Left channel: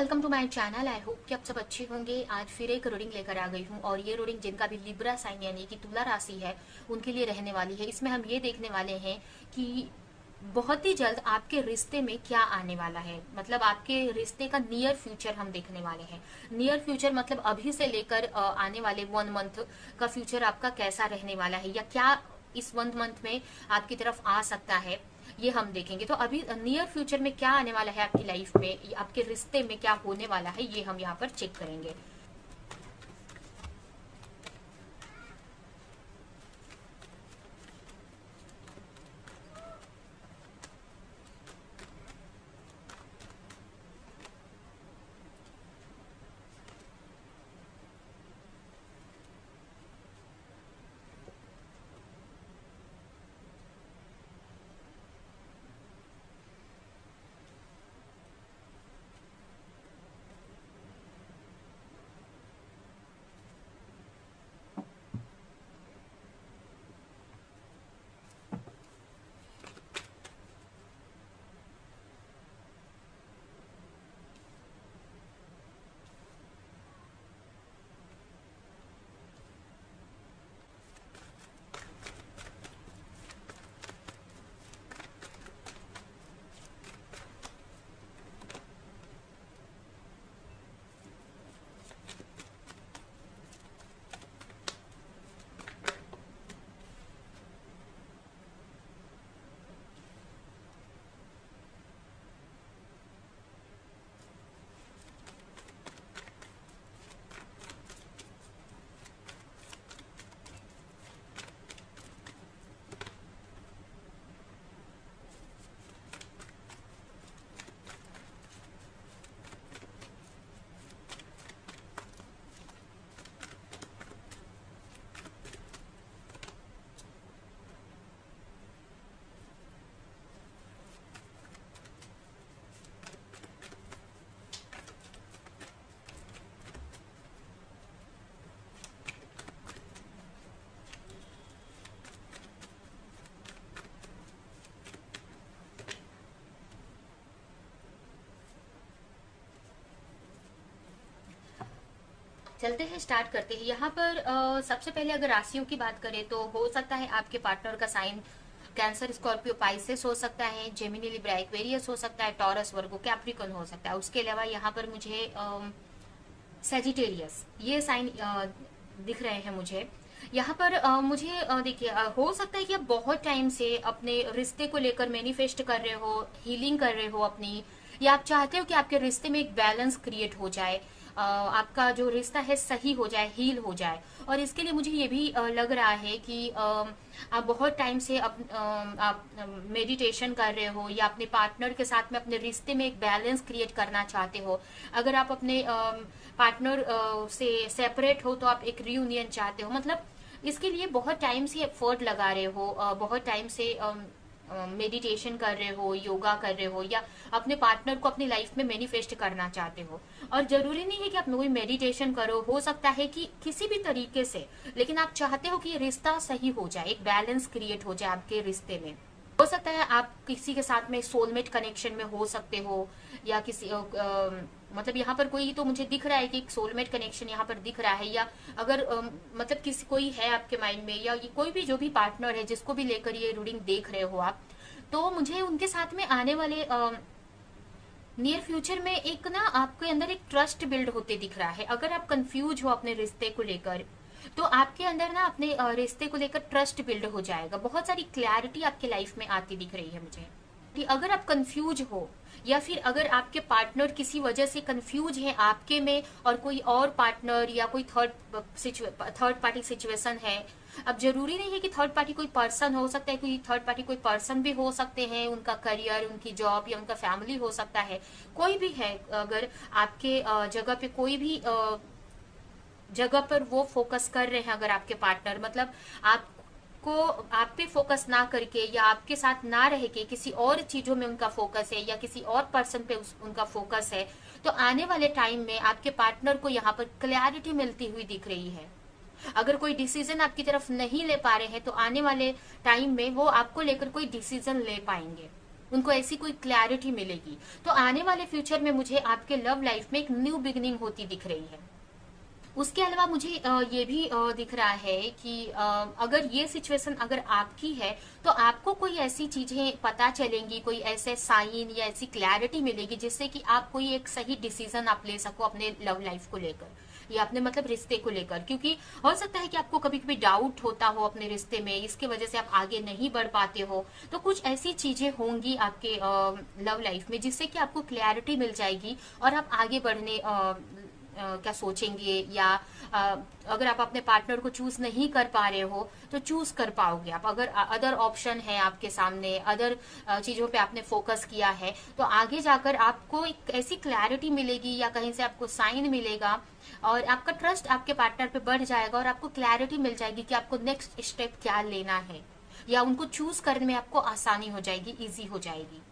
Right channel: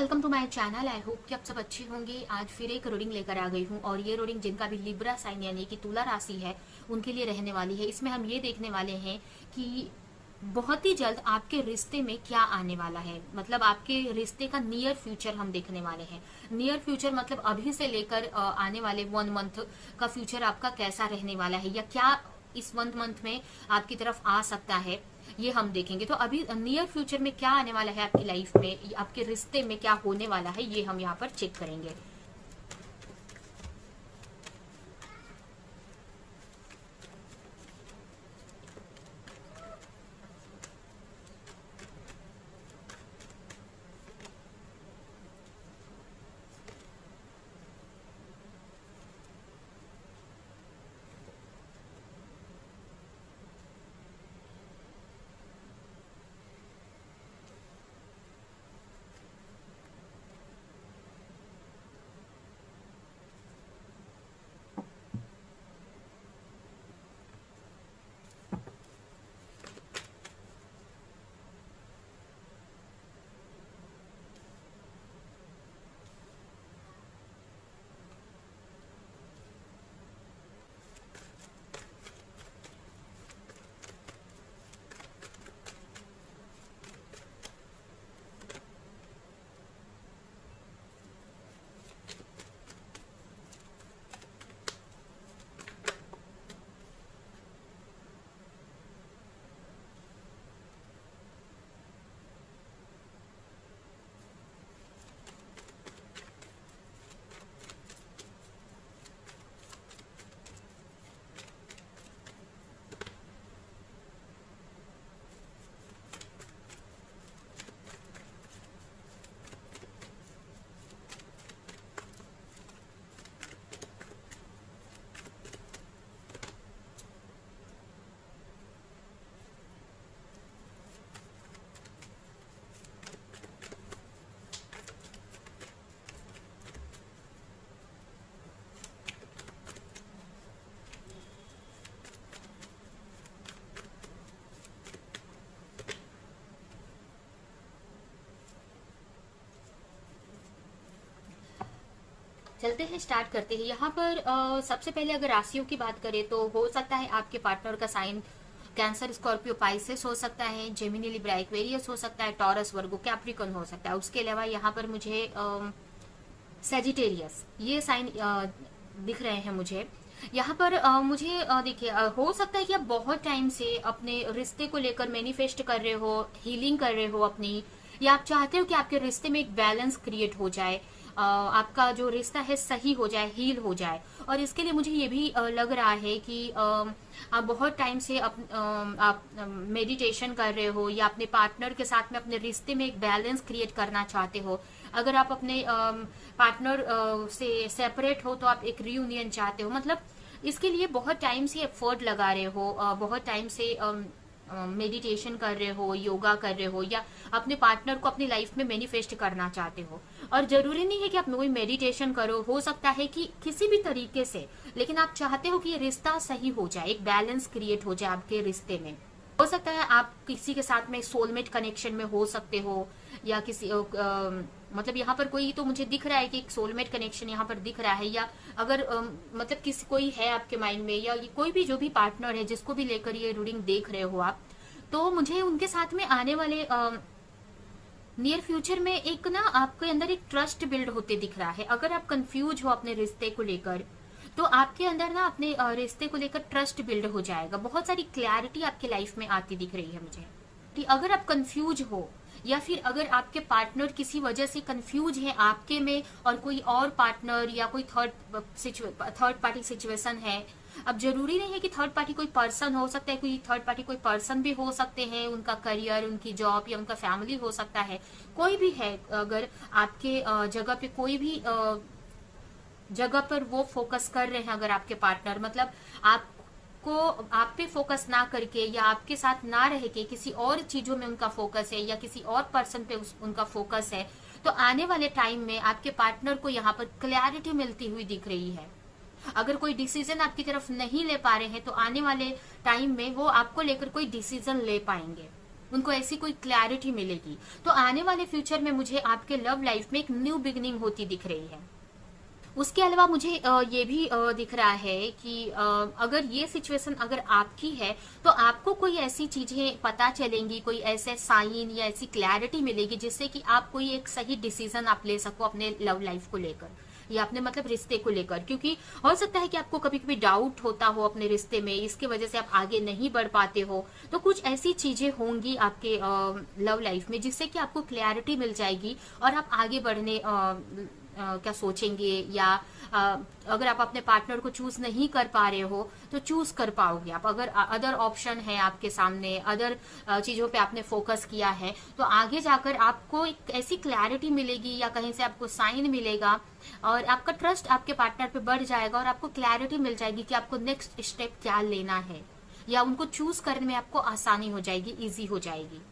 Welcome to my channel. I hope कि आप सब अच्छे होंगे। आज फिर एक रीडिंग लेकर आ गई हूँ और ये रीडिंग जिनका भी लिब्रा साइन यानी कि तुला राशि है उनके लिए रहने वाली है। इसमें हम ये देखने वाले हैं कि बहुत ही जल्द आपके रिश्ते में क्या आने वाला है, मतलब आपके रिश्ते का नियर फ्यूचर हम देखने वाले हैं। नियर फ्यूचर मतलब अभी से लेकर आने वाले 1 मंथ का फ्यूचर आपका कैसा रहने वाला है या क्या इस 1 मंथ में आपकी तरफ आ सकता है, ये हम देखेंगे। तो अभी नियर फ्यूचर में क्या आने वाला है आपकी लाइफ में, आपके रिश्ते में क्या होने वाला है, ये हम यहाँ पर चेक करेंगे। चलते हैं, स्टार्ट करते हैं। यहाँ पर सबसे पहले अगर राशियों की बात करें तो हो सकता है आपके पार्टनर का साइन कैंसर, स्कॉर्पियो, पाइसेस हो सकता है, जेमिनी, लिब्रा, एक्वेरियस हो सकता है, टॉरस, वर्गो, कैप्रिकॉर्न हो सकता है। उसके अलावा यहाँ पर मुझे सेजिटेरियस ये साइन दिख रहे हैं मुझे। यहाँ पर मुझे देखिए, हो सकता है कि आप बहुत टाइम से अपने रिश्ते को लेकर मैनिफेस्ट कर रहे हो, हीलिंग कर रहे हो अपनी, या आप चाहते हो कि आपके रिश्ते में एक बैलेंस क्रिएट हो जाए, आपका जो रिश्ता है सही हो जाए, हील हो जाए। और इसके लिए मुझे ये भी लग रहा है कि आप बहुत टाइम से आप मेडिटेशन कर रहे हो या अपने पार्टनर के साथ में अपने रिश्ते में एक बैलेंस क्रिएट करना चाहते हो। अगर आप अपने पार्टनर से सेपरेट हो तो आप एक रियूनियन चाहते हो, मतलब इसके लिए बहुत टाइम से एफर्ट लगा रहे हो, बहुत टाइम से मेडिटेशन कर रहे हो, योगा कर रहे हो, या अपने पार्टनर को अपनी लाइफ में मैनिफेस्ट करना चाहते हो। और जरूरी नहीं है कि आप कोई मेडिटेशन करो, हो सकता है कि किसी भी तरीके से, लेकिन आप चाहते हो कि ये रिश्ता सही हो जाए, एक बैलेंस क्रिएट हो जाए आपके रिश्ते में। हो सकता है आप किसी के साथ में सोलमेट कनेक्शन में हो सकते हो, या किसी मतलब यहाँ पर कोई तो मुझे दिख रहा है कि एक सोलमेट कनेक्शन यहाँ पर दिख रहा है। या अगर मतलब किसी कोई है आपके माइंड में, या कोई भी जो भी पार्टनर है जिसको भी लेकर ये रीडिंग देख रहे हो आप, तो मुझे उनके साथ में आने वाले नियर फ्यूचर में एक ना आपके अंदर एक ट्रस्ट बिल्ड होते दिख रहा है। अगर आप कंफ्यूज हो अपने रिश्ते को लेकर तो आपके अंदर ना अपने रिश्ते को लेकर ट्रस्ट बिल्ड हो जाएगा। बहुत सारी क्लैरिटी आपके लाइफ में आती दिख रही है मुझे कि अगर आप कंफ्यूज हो, या फिर अगर आपके पार्टनर किसी वजह से कंफ्यूज है आपके में और कोई और पार्टनर या कोई थर्ड पार्टी सिचुएशन है। अब जरूरी नहीं है कि थर्ड पार्टी कोई पर्सन हो सकता है, कोई थर्ड पार्टी कोई पर्सन भी हो सकते हैं, उनका करियर, उनकी जॉब या उनका फैमिली हो सकता है, कोई भी है। अगर आपके जगह पे कोई भी जगह पर वो फोकस कर रहे हैं, अगर आपके पार्टनर मतलब आपको आप पे फोकस ना करके या आपके साथ ना रह के किसी और चीजों में उनका फोकस है या किसी और पर्सन पे उनका फोकस है, तो आने वाले टाइम में आपके पार्टनर को यहाँ पर क्लैरिटी मिलती हुई दिख रही है। अगर कोई डिसीजन आपकी तरफ नहीं ले पा रहे हैं तो आने वाले टाइम में वो आपको लेकर कोई डिसीजन ले पाएंगे। उनको ऐसी कोई क्लैरिटी मिलेगी। तो आने वाले फ्यूचर में मुझे आपके लव लाइफ में एक न्यू बिगनिंग होती दिख रही है। उसके अलावा मुझे ये भी दिख रहा है कि अगर ये सिचुएशन अगर आपकी है, तो आपको कोई ऐसी चीजें पता चलेंगी, कोई ऐसे साइन या ऐसी क्लैरिटी मिलेगी जिससे कि आप कोई एक सही डिसीजन आप ले सको अपने लव लाइफ को लेकर या अपने मतलब रिश्ते को लेकर। क्योंकि हो सकता है कि आपको कभी कभी डाउट होता हो अपने रिश्ते में, इसके वजह से आप आगे नहीं बढ़ पाते हो। तो कुछ ऐसी चीजें होंगी आपके लव लाइफ में जिससे कि आपको क्लैरिटी मिल जाएगी और आप आगे बढ़ने क्या सोचेंगे, या अगर आप अपने पार्टनर को चूज नहीं कर पा रहे हो तो चूज कर पाओगे आप। अगर अदर ऑप्शन है आपके सामने, अदर चीजों पे आपने फोकस किया है, तो आगे जाकर आपको एक ऐसी क्लैरिटी मिलेगी या कहीं से आपको साइन मिलेगा और आपका ट्रस्ट आपके पार्टनर पे बढ़ जाएगा और आपको क्लैरिटी मिल जाएगी कि आपको नेक्स्ट स्टेप क्या लेना है, या उनको चूज करने में आपको आसानी हो जाएगी, इजी हो जाएगी।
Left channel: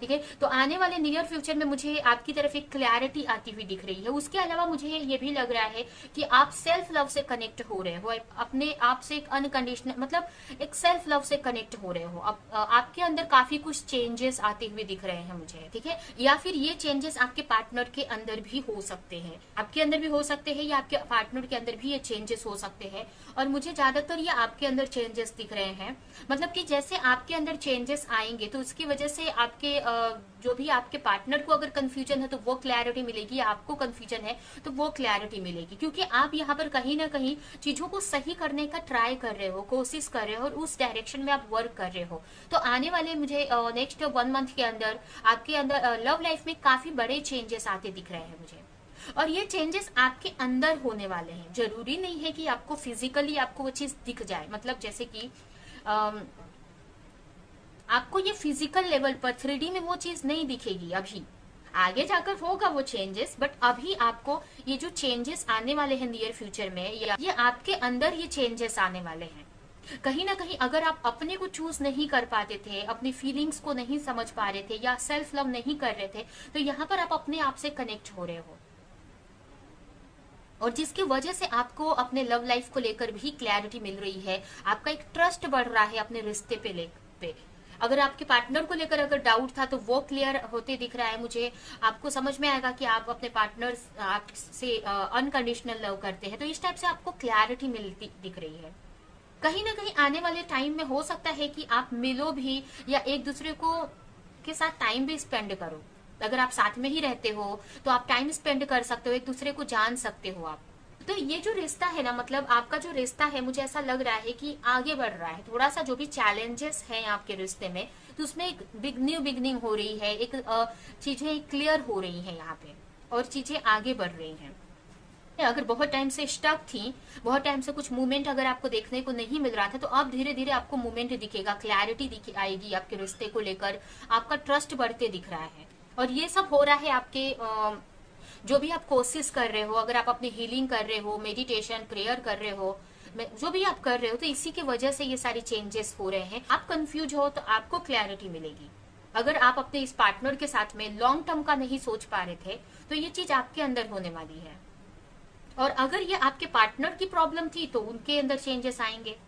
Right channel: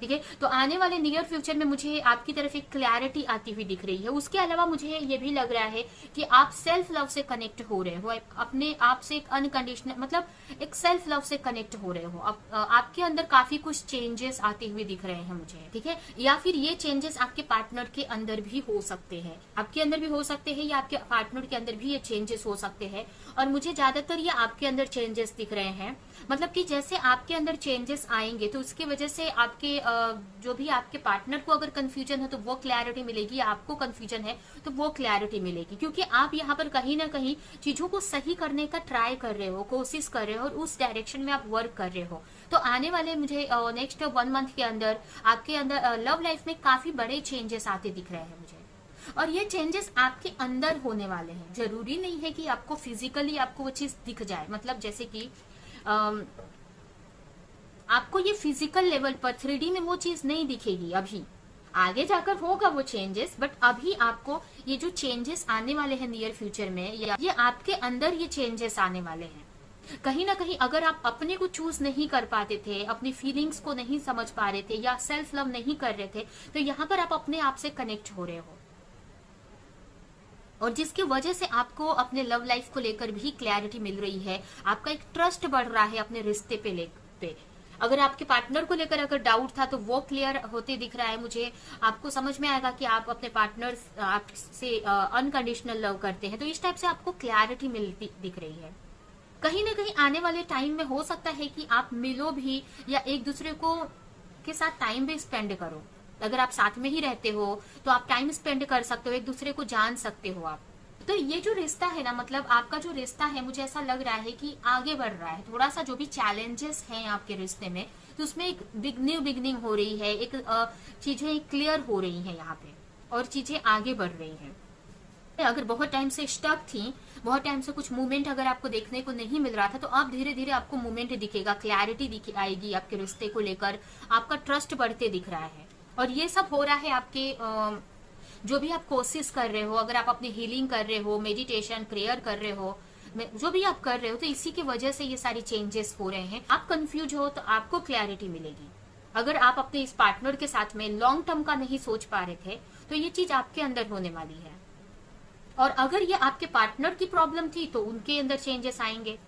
ठीक है, तो आने वाले नियर फ्यूचर में मुझे आपकी तरफ एक क्लैरिटी आती हुई दिख रही है। उसके अलावा मुझे ये भी लग रहा है कि आप सेल्फ लव से कनेक्ट हो रहे हो, अपने आप से एक अनकंडीशनल मतलब एक सेल्फ लव से कनेक्ट हो रहे हो। आपके अंदर काफी कुछ चेंजेस आते हुए दिख रहे हैं मुझे। ठीक है, या फिर ये चेंजेस आपके पार्टनर के अंदर भी हो सकते हैं, आपके अंदर भी हो सकते हैं या आपके पार्टनर के अंदर भी ये चेंजेस हो सकते हैं। और मुझे ज्यादातर ये आपके अंदर चेंजेस दिख रहे हैं, मतलब कि जैसे आपके अंदर चेंजेस आएंगे तो उसकी वजह से आपके जो भी आपके पार्टनर को अगर कंफ्यूजन है तो वो क्लैरिटी मिलेगी, आपको कंफ्यूजन है तो वो क्लैरिटी मिलेगी। क्योंकि आप यहाँ पर कहीं ना कहीं चीजों को सही करने का ट्राई कर रहे हो, कोशिश कर रहे हो और उस डायरेक्शन में आप वर्क कर रहे हो। तो आने वाले मुझे नेक्स्ट 1 मंथ के अंदर आपके अंदर लव लाइफ में काफी बड़े चेंजेस आते दिख रहे हैं मुझे। और ये चेंजेस आपके अंदर होने वाले हैं, जरूरी नहीं है कि आपको फिजिकली आपको वो चीज दिख जाए। मतलब जैसे कि आपको ये फिजिकल लेवल पर 3D में वो चीज नहीं दिखेगी अभी, आगे जाकर होगा वो चेंजेस, बट अभी आपको ये जो चेंजेस आने वाले हैं नियर फ्यूचर में, ये आपके अंदर ये चेंजेस आने वाले हैं। कहीं ना कहीं अगर आप अपने को चूज नहीं कर पाते थे, अपनी फीलिंग्स को नहीं समझ पा रहे थे या सेल्फ लव नहीं कर रहे थे, तो यहाँ पर आप अपने आप से कनेक्ट हो रहे हो और जिसकी वजह से आपको अपने लव लाइफ को लेकर भी क्लैरिटी मिल रही है। आपका एक ट्रस्ट बढ़ रहा है अपने रिश्ते पे। अगर आपके पार्टनर को लेकर अगर डाउट था तो वो क्लियर होते दिख रहा है मुझे। आपको समझ में आएगा कि आप अपने पार्टनर आपसे अनकंडीशनल लव करते हैं, तो इस टाइप से आपको क्लैरिटी मिलती दिख रही है। कहीं ना कहीं आने वाले टाइम में हो सकता है कि आप मिलो भी या एक दूसरे को के साथ टाइम भी स्पेंड करो। अगर आप साथ में ही रहते हो तो आप टाइम स्पेंड कर सकते हो, एक दूसरे को जान सकते हो आप। तो ये जो रिश्ता है ना, मतलब आपका जो रिश्ता है, मुझे ऐसा लग रहा है कि आगे बढ़ रहा है। थोड़ा सा जो भी चैलेंजेस हैं आपके रिश्ते में, तो उसमें एक न्यू बिगनिंग हो रही है, एक चीजें क्लियर हो रही है यहाँ पे और चीजें आगे बढ़ रही हैं। अगर बहुत टाइम से स्टक थी, बहुत टाइम से कुछ मूवमेंट अगर आपको देखने को नहीं मिल रहा था, तो अब धीरे धीरे आपको मूवमेंट दिखेगा, क्लैरिटी आएगी आपके रिश्ते को लेकर, आपका ट्रस्ट बढ़ते दिख रहा है। और ये सब हो रहा है आपके जो भी आप कोशिश कर रहे हो, अगर आप अपनी हीलिंग कर रहे हो, मेडिटेशन प्रेयर कर रहे हो, जो भी आप कर रहे हो, तो इसी की वजह से ये सारी चेंजेस हो रहे हैं। आप कंफ्यूज हो तो आपको क्लैरिटी मिलेगी। अगर आप अपने इस पार्टनर के साथ में लॉन्ग टर्म का नहीं सोच पा रहे थे, तो ये चीज आपके अंदर होने वाली है। और अगर ये आपके पार्टनर की प्रॉब्लम थी तो उनके अंदर चेंजेस आएंगे।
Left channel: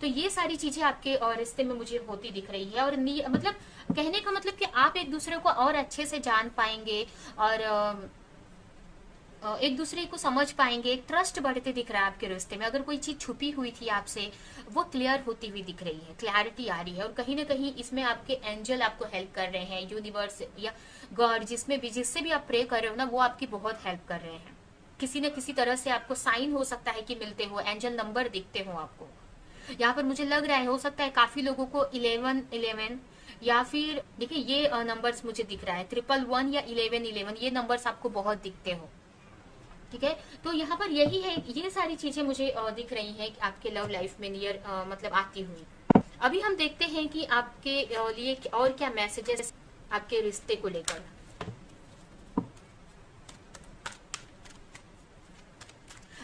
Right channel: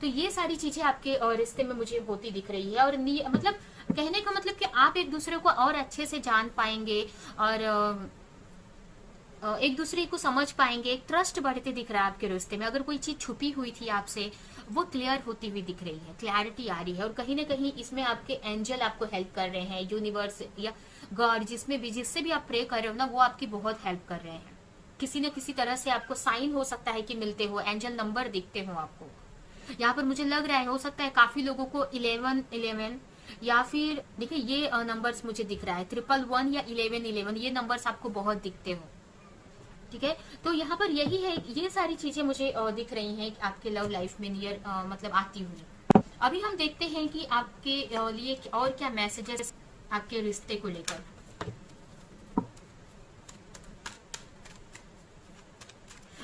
तो ये सारी चीजें आपके रिश्ते में मुझे होती दिख रही है। और मतलब कहने का मतलब कि आप एक दूसरे को और अच्छे से जान पाएंगे और एक दूसरे को समझ पाएंगे, एक ट्रस्ट बढ़ते दिख रहा है आपके रिश्ते में। अगर कोई चीज छुपी हुई थी आपसे, वो क्लियर होती हुई दिख रही है, क्लैरिटी आ रही है। और कहीं ना कहीं इसमें आपके एंजल आपको हेल्प कर रहे हैं, यूनिवर्स या गॉड, जिससे भी आप प्रे कर रहे हो ना, वो आपकी बहुत हेल्प कर रहे हैं। किसी न किसी तरह से आपको साइन हो सकता है कि मिलते हो, एंजल नंबर दिखते हो आपको। यहाँ पर मुझे लग रहा है, हो सकता है काफी लोगों को 1111 या फिर देखिए ये नंबर्स मुझे दिख रहा है 111 या 1111, ये नंबर्स आपको बहुत दिखते हो। ठीक है, तो यहाँ पर यही है, ये सारी चीजें मुझे दिख रही हैं आपके लव लाइफ में नियर मतलब आती हुई। अभी हम देखते हैं कि आपके लिए और क्या मैसेजेस आपके रिश्ते को लेकर।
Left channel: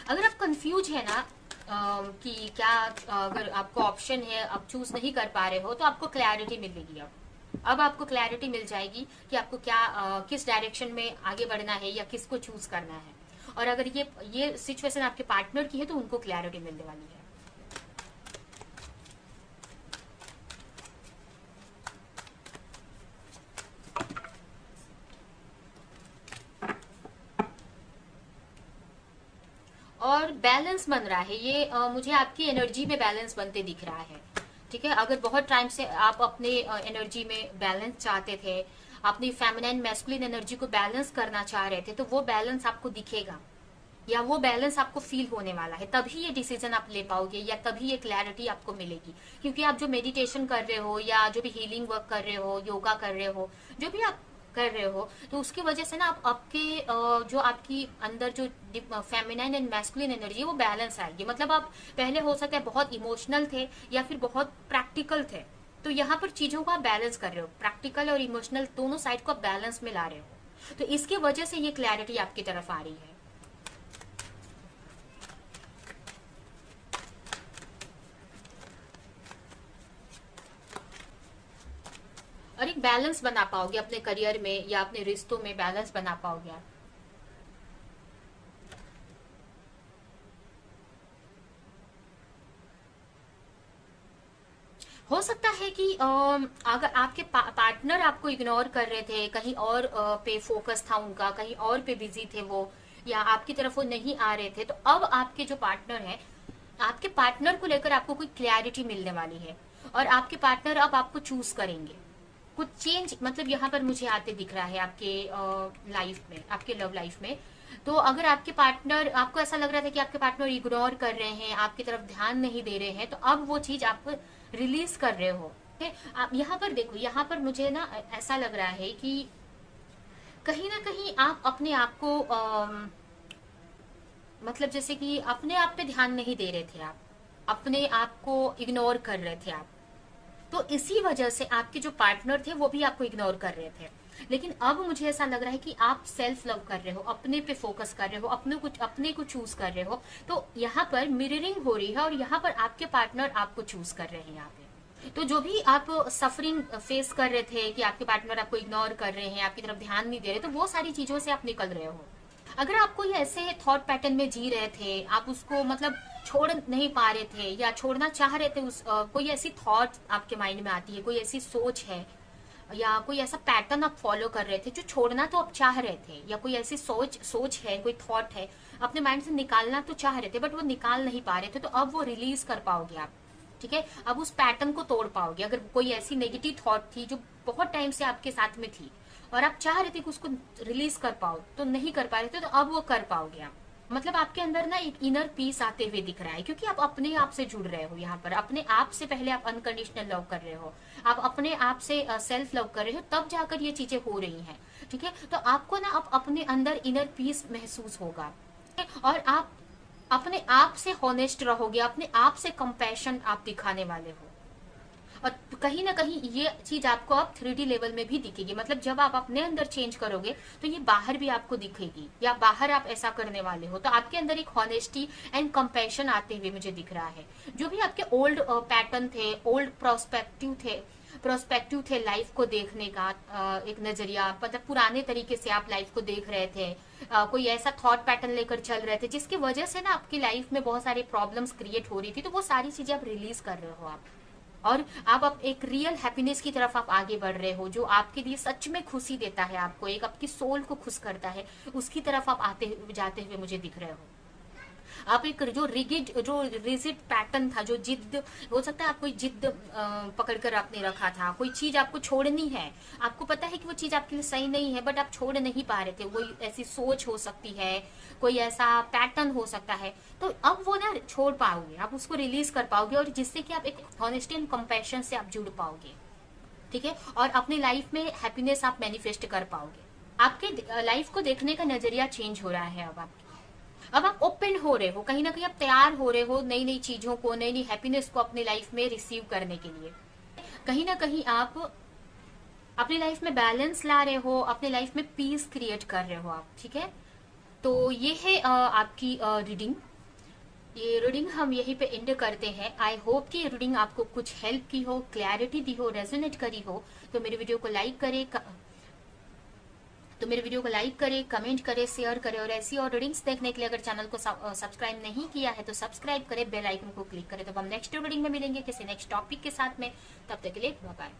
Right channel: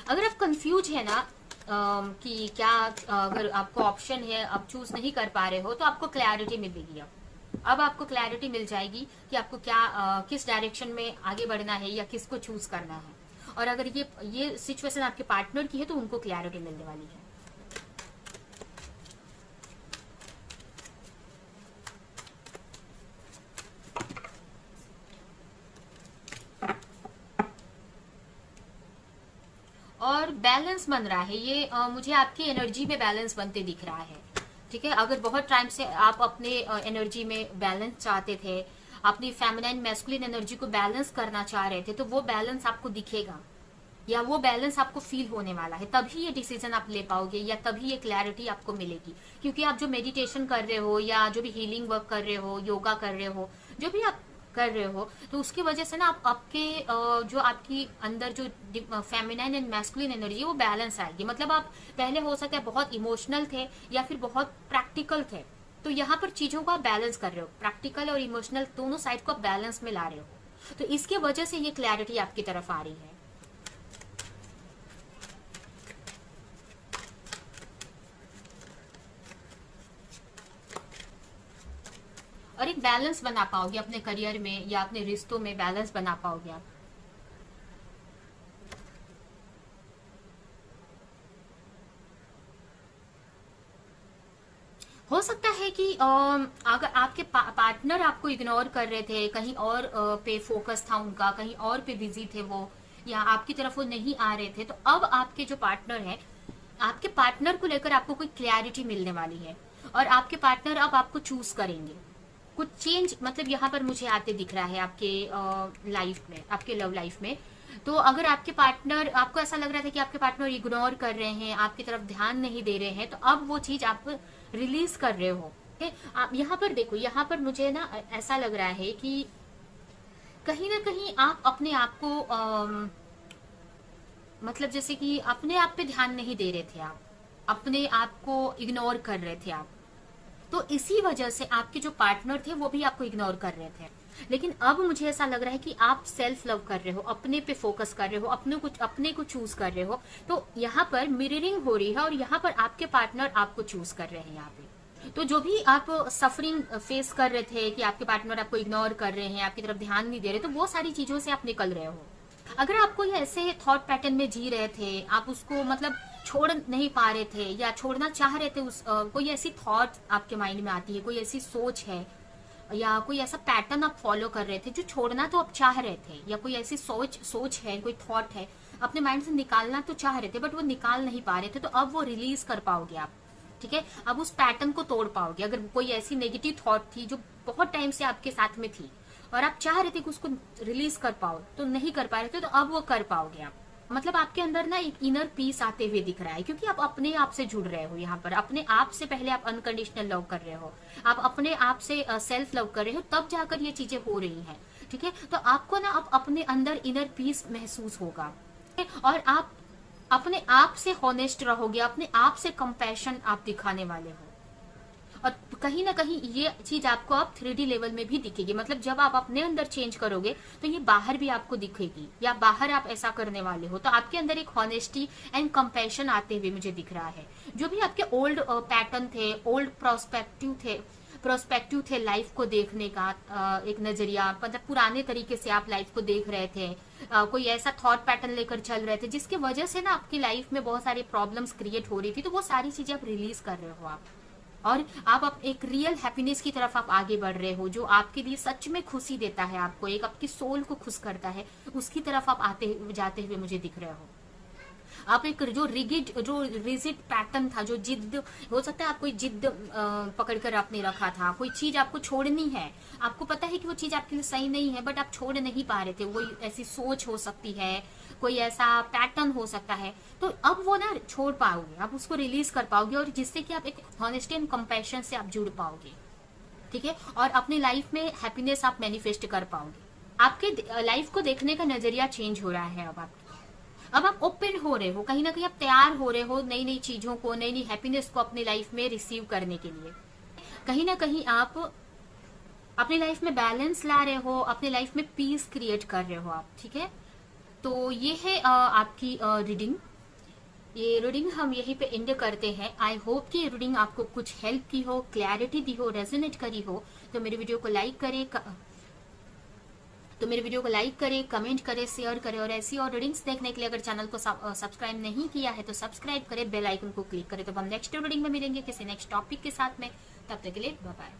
अगर आप कंफ्यूज है ना कि क्या अगर आपको ऑप्शन है, आप चूज नहीं कर पा रहे हो, तो आपको क्लैरिटी मिलेगी। अब आपको क्लैरिटी मिल जाएगी कि आपको क्या किस डायरेक्शन में आगे बढ़ना है या किसको चूज करना है। और अगर ये सिचुएशन आपके पार्टनर की है तो उनको क्लैरिटी मिलने वाली है। बैलेंस बन रहा है, ये मुझे आपकी एनर्जी में बैलेंस बनते दिख रहा है। ठीक है, अगर बहुत टाइम से आप अपने एनर्जी में बैलेंस चाहते थे, अपनी फेमिनाइन मैस्कुलिन एनर्जी को बैलेंस करना चाह रहे थे, तो वो बैलेंस आपको दिखेगा या वो बैलेंस आपको फील होने वाला है, तभी ये डिसीजन आप ले पाओगे या तभी ये क्लैरिटी आपको मिलेगी। क्योंकि आप जो मेडिटेशन कर रहे हो या जो भी हीलिंग वर्क कर रहे हो, योगा कर रहे हो, जो भी आप कर रहे हो, तो उसकी वजह से ना आप आपके जो आपकी अंदर जो फेमिनाइन एंड मैस्कुलिन एनर्जी वो बैलेंस आएगी। मतलब आप पहले हो सकता है बहुत इमोशनल थे या फिर बहुत प्रैक्टिकल थे, तो यहाँ पर चीजों को आप बैलेंस कर रहे हो, प्रैक्टिकल और इमोशनल दोनों साइड को आप बैलेंस में ला रहे हो, तो इसकी वजह से ये क्लैरिटी आपकी तरफ आ रही है। और एक बैलेंस बना पाओगे अपने करियर में या अपने रिश्तों में, बैलेंस बना पाओगे आप। हो सकता है कि अगर आपके पार्टनर आपको इग्नोर कर रहे थे, कहीं और पे फोकस था उनका, कहीं और पे बिजी थे वो, या आपकी तरफ वो नहीं आ रहे थे, तो अब आपके जो पार्टनर है, आपके पार्टनर को लेकर आपको कोई क्लैरिटी मिलने वाली है और आपके पार्टनर अब आपको चूज करेंगे। कुछ चेंज मतलब यहाँ पर मुझे आते दिख रहा है आपके लाइफ में, आपके लव लाइफ में। तो अगर आपके पार्टनर, आपको ऐसा लग रहा था कि आपके पार्टनर इग्नोर कर रहे हैं, आपकी तरफ ध्यान नहीं दे रहे हैं, तो अब वो चीज आप रिलीज कर रहे हो। आप यहाँ पर देखो, यहाँ पर मुझे ना ऐसा लग रहा है कि कहीं ना कहीं आप अपने आप को मतलब जैसे कि अपने आप पे ध्यान नहीं दे रहे थे, आप अपने आप को इग्नोर कर रहे थे आप, तो इसी वजह से आपके जो पार्टनर थे वो भी आपको इग्नोर कर रहे थे। लेकिन अब मुझे ऐसा लग रहा है कि आप सेल्फ लव कर रहे हो, अपने पे फोकस कर रहे हो, अपने को चूज कर रहे हो, तो यहाँ पर मिररिंग हो रही है और यहाँ पर आपके पार्टनर आपको चूज कर रहे हैं यहाँ पे। तो जो भी आप सफरिंग फेस कर रहे थे कि आपके पार्टनर आपको इग्नोर कर रहे हैं, आपकी तरफ ध्यान नहीं दे रहे, तो वो सारी चीजों से आप निकल रहे हो। अगर आप कोई ऐसे थॉट पैटर्न में जी रहे थे, आप उसको मतलब छोड़ नहीं पा रहे थे या छोड़ना चाह रहे थे, कोई ऐसी थॉट आपके माइंड में आती है, कोई ऐसी सोच है या कोई ऐसा पैटर्न आप फॉलो कर रहे थे जो छोड़ना तो आप चाह रहे थे, या कोई ऐसी सोच है, कोई थॉट है अपने माइंड से निकालना तो चाह रहे थे बट वो निकाल नहीं पा रहे थे, तो अब वो रिलीज कर पाओगे आप। ठीक है, अब उस पैटर्न को तोड़ पाओगे। अगर कोई ऐसी नेगेटिव थॉट थी जो बहुत टाइम से आपके साथ में थी और आप चाह रहे थे कि उसको रिलीज कर पाओ, तो नहीं कर पा रहे थे, तो अब वो कर पाओगे आप। मतलब आपके अंदर ना एक इनर पीस आते हुए दिख रहा है, क्योंकि आप अपने आप से जुड़ रहे हो। यहाँ पर अपने आप से पहले आप अनकंडीशनल लव कर रहे हो, आप अपने आप से सेल्फ लव कर रहे हो, तब जाकर ये चीजें हो रही हैं। ठीक है, तो आपको ना अब अपने अंदर इनर पीस महसूस होगा और आप अपने आप से हॉनेस्ट रहोगे, अपने आप से कंपैशन आप दिखाने वाले हो। और कहीं ना कहीं ये चीज आपको अब 3D लेवल में भी दिखेगी। मतलब जब आप अपने अंदर चेंज करोगे तो ये बाहर भी आपको दिखेगी, या बाहर आप ऐसा करने वाले हो, तो आपके अंदर एक हॉनेस्टी एंड कंपैशन आते हुए मुझे दिख रहा है। जो भी आपके ओल्ड पैटर्न थे, ओल्ड प्रोस्पेक्टिव थे लाइफ को देखने का, एक नजरिया, मतलब पुराने तरीके से आप लाइफ को देख रहे थे, कोई ऐसा थॉट पैटर्न लेकर चल रहे थे जिसकी वजह से ना आपकी लाइफ में बहुत सारी प्रॉब्लम्स क्रिएट हो रही थी, तो वो सारी चीजें आप रिलीज कर रहे हो आप, और आप एक रियल हैप्पीनेस की तरफ आप आगे बढ़ रहे हो, जो आपके लिए सच में खुशी देता है, आपको एक आपकी सोल को खुश करता है, उसकी तरफ आप आते जाते हुए मुझे दिख रहे हो। आप एक जो रिजिड पैटर्न था, जो जिद, हो सकता है आप कोई जिद पकड़कर आपने रखा था, कोई चीज आपको छोड़नी है, आपको पता है कि वो चीज आपके लिए सही नहीं है बट आप छोड़ नहीं पा रहे थे, वो ऐसी सोच हो सकती है, कोई ऐसा पैटर्न हो सकता है, तो अब वो ना छोड़ पाओगे, आप उसको रिलीज कर पाओगे, और जिससे कि आप एक हॉनेस्टी एंड कंपैशन से आप जुड़ पाओगे। ठीक है, और अपनी लाइफ में हैप्पीनेस आप मैनिफेस्ट कर पाओगे। आपके लाइफ को देखने का नजरिया चेंज हो रहा है अब आप ओपन हो रहे हो, कहीं ना कहीं आप तैयार हो रहे हो नई नई चीजों को, नई नई हैप्पीनेस को अपनी लाइफ में रिसीव करने के लिए। कहीं ना कहीं आप अपनी लाइफ में बैलेंस ला रहे हो, अपनी लाइफ में पीस क्रिएट कर रहे हो आप। ठीक है, तो ये है आपकी रीडिंग। ये रीडिंग हम यहीं पे एंड करते हैं। आई होप कि ये रीडिंग आपको कुछ हेल्प की हो, क्लैरिटी दी हो, रेजोनेट करी हो। तो मेरे वीडियो को लाइक करें, कमेंट करें, शेयर करें, और ऐसी और रीडिंग्स देखने के लिए अगर चैनल को सब्सक्राइब नहीं किया है तो सब्सक्राइब करें, बेल आइकन को क्लिक करें। तो हम नेक्स्ट रीडिंग में मिलेंगे किसी नेक्स्ट टॉपिक के साथ में, तब तक के लिए बाय बाय।